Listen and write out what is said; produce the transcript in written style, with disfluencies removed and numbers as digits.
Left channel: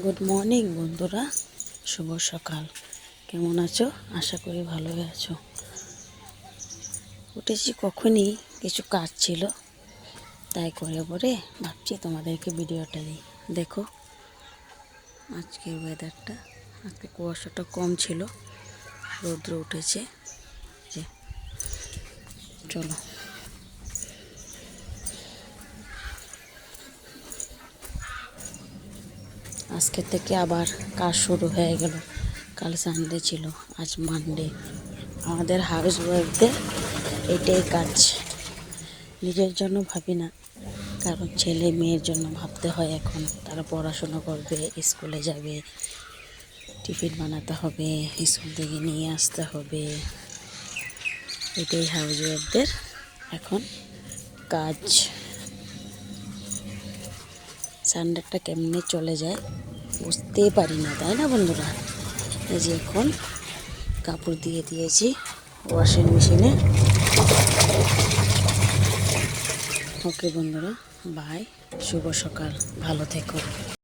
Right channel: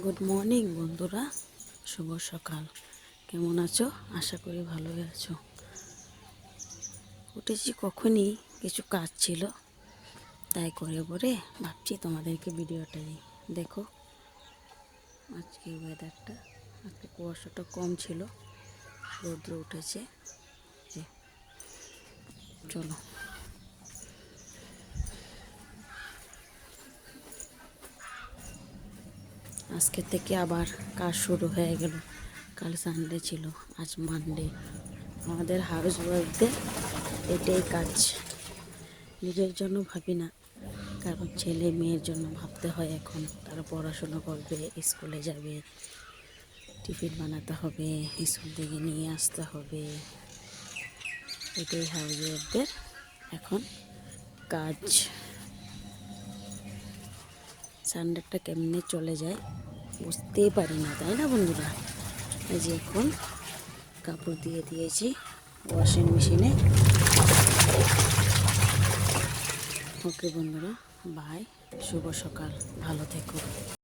Good morning বন্ধুরা, শুভ সকাল। কেমন আছো? আশা করি ভালোই আছো। উঠেছি কখনই, কিছু কাজ ছিল, তাই করে ভাবছি তোমাদেরকে ভিডিওটা দিই। দেখো আজকের ওয়েদারটা, আজকে কুয়াশাটা কম ছিল, রৌদ্র উঠেছে। যে চলো, আজকে থেকে আবার কাজ শুরু হয়ে গেল। কাল সানডে ছিল, আজ মানডে। আমাদের হাউস ওয়াইফদের এটাই কাজ। নিজের জন্য ভাবি না, কারণ ছেলে মেয়ের জন্য ভাবতে হয়। এখন তারা পড়াশোনা করবে, স্কুলে যাবে, টিফিন বানাতে হবে, স্কুল থেকে নিয়ে আসতে হবে। এটাই হাউস ওয়াইফদের এখন কাজ। সানডেটা কেমনে চলে যায় বুঝতেই পারি না, তাই না বন্ধুরা? এই যে এখন কাপড় দিয়ে দিয়েছি ওয়াশিং মেশিনে। ওকে বন্ধুরা, বাই, শুভ সকাল, ভালো থেকো।